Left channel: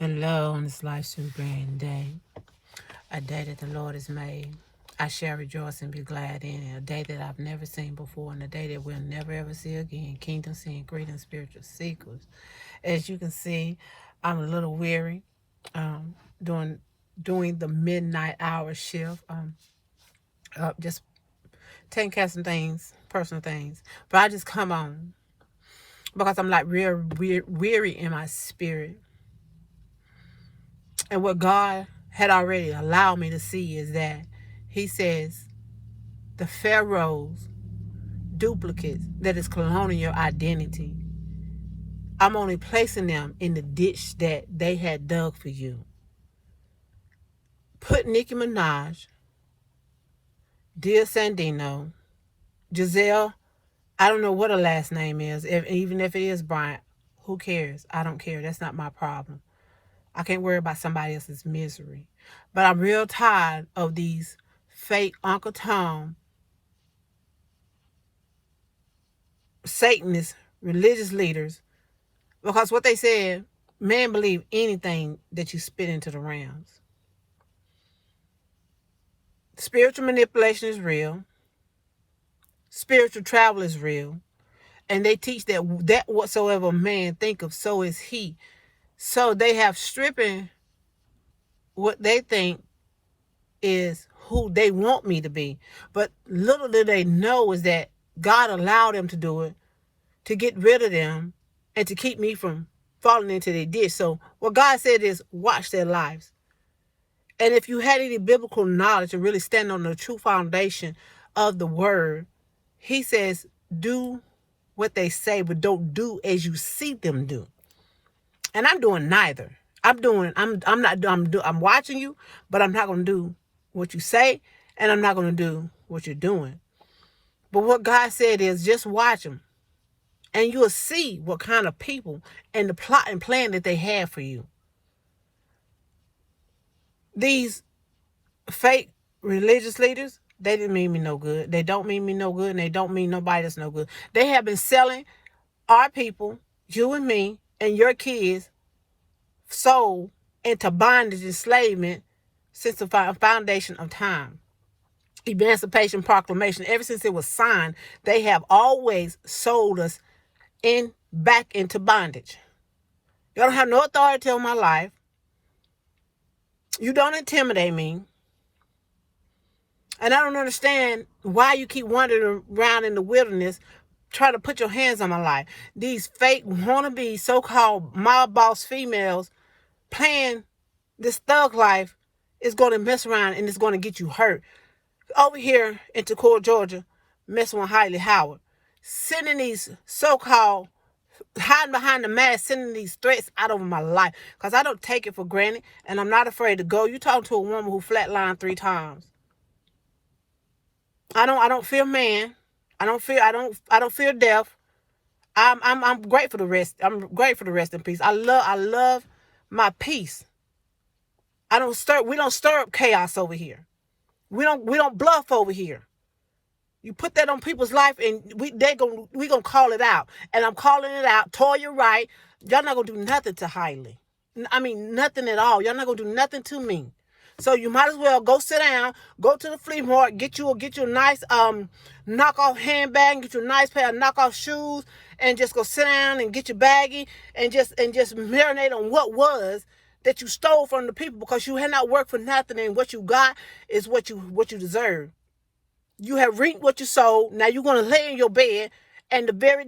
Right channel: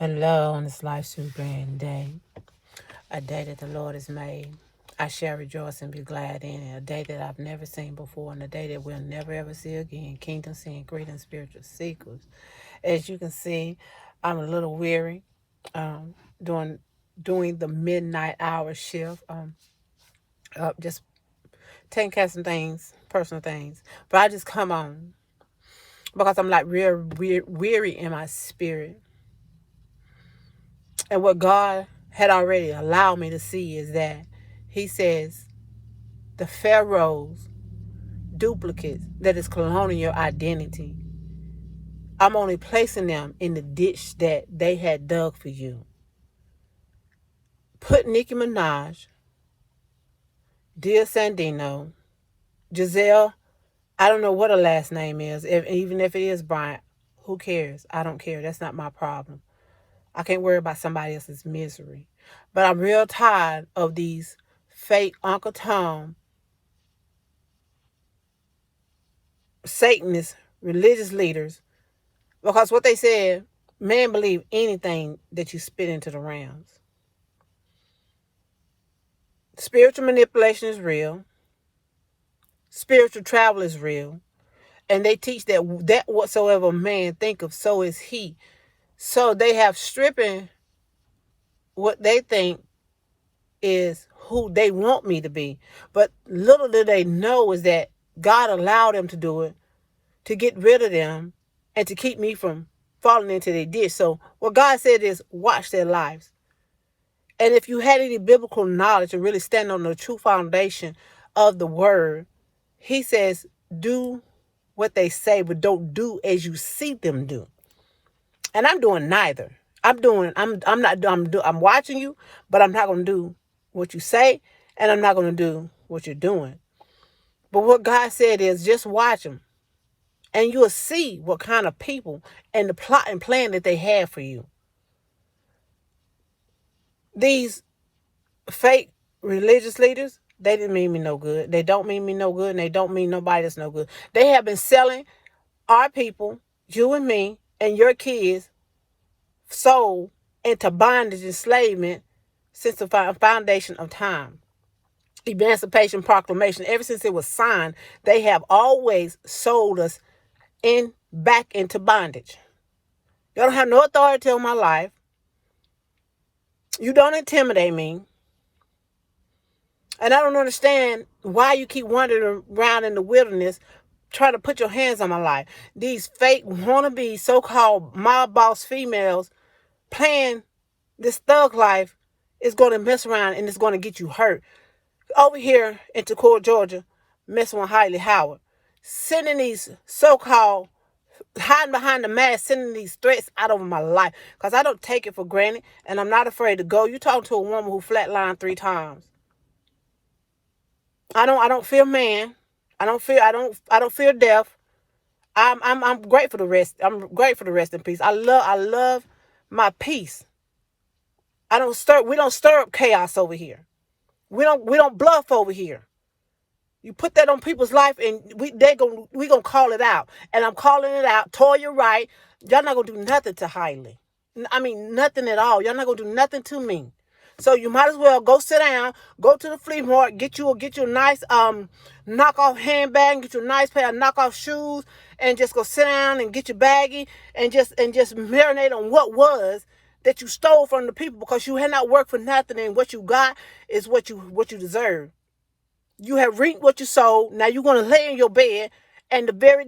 Hello on this life super day, a day that the Lord has made. I shall rejoice and be glad in it. A day that I've never seen before and a day that we'll never ever see again. Kingdom seeing great spiritual seekers. As you can see, I'm a little weary, um, doing doing the midnight hour shift. Just taking care of some things, personal things. But I just come on because I'm like real weary in my spirit. And what God had already allowed me to see is that He says the Pharaoh's duplicates that is cloning your identity, I'm only placing them in the ditch that they had dug for you. Put Nicki Minaj, Dia Sandino, Giselle, I don't know what her last name is, even if it is Bryant, who cares? I don't care. That's not my problem. I can't worry about somebody else's misery. But I'm real tired of these fake Uncle Tom, Satanist, religious leaders, because what they said, man believe anything that you spit into the realms. Spiritual manipulation is real. Spiritual travel is real. And they teach that whatsoever man think of, so is he. So they have stripping what they think is who they want me to be. But little do they know is that God allowed them to do it to get rid of them and to keep me from falling into their ditch. So what God said is watch their lives. And if you had any biblical knowledge and really stand on the true foundation of the word, He says do what they say, but don't do as you see them do. And I'm doing neither. I'm watching you, but I'm not going to do what you say, and I'm not going to do what you're doing. But what God said is just watch them, and you'll see what kind of people and the plot and plan that they have for you. These fake religious leaders, they didn't mean me no good. They don't mean me no good, and they don't mean nobody that's no good. They have been selling our people, you and me, and your kids, soul into bondage and enslavement since the foundation of time. Emancipation Proclamation, ever since it was signed, they have always sold us back into bondage. You don't have no authority on my life. You don't intimidate me. And I don't understand why you keep wandering around in the wilderness trying to put your hands on my life. These fake wannabe so-called mob boss females playing this thug life is going to mess around and it's going to get you hurt. Over here in Tacoma, Georgia, messing with Hailey Howard, sending these so-called hiding behind the mask, sending these threats out over my life because I don't take it for granted and I'm not afraid to go. You talking to a woman who flatlined 3 times. I don't fear man. I don't fear death. I'm great for the rest. I'm great for the rest in peace. I love my peace. We don't stir up chaos over here. We don't bluff over here. You put that on people's life and we gonna call it out. And I'm calling it out. Toya Wright, y'all not gonna do nothing to Hailey. I mean nothing at all. Y'all not gonna do nothing to me. So you might as well go sit down, go to the flea market, get you a nice knockoff handbag, get you a nice pair of knockoff shoes, and just go sit down and get your baggie and just marinate on what was that you stole from the people because you had not worked for nothing and what you got is what you deserve. You have reaped what you sowed. Now you're gonna lay in your bed and the very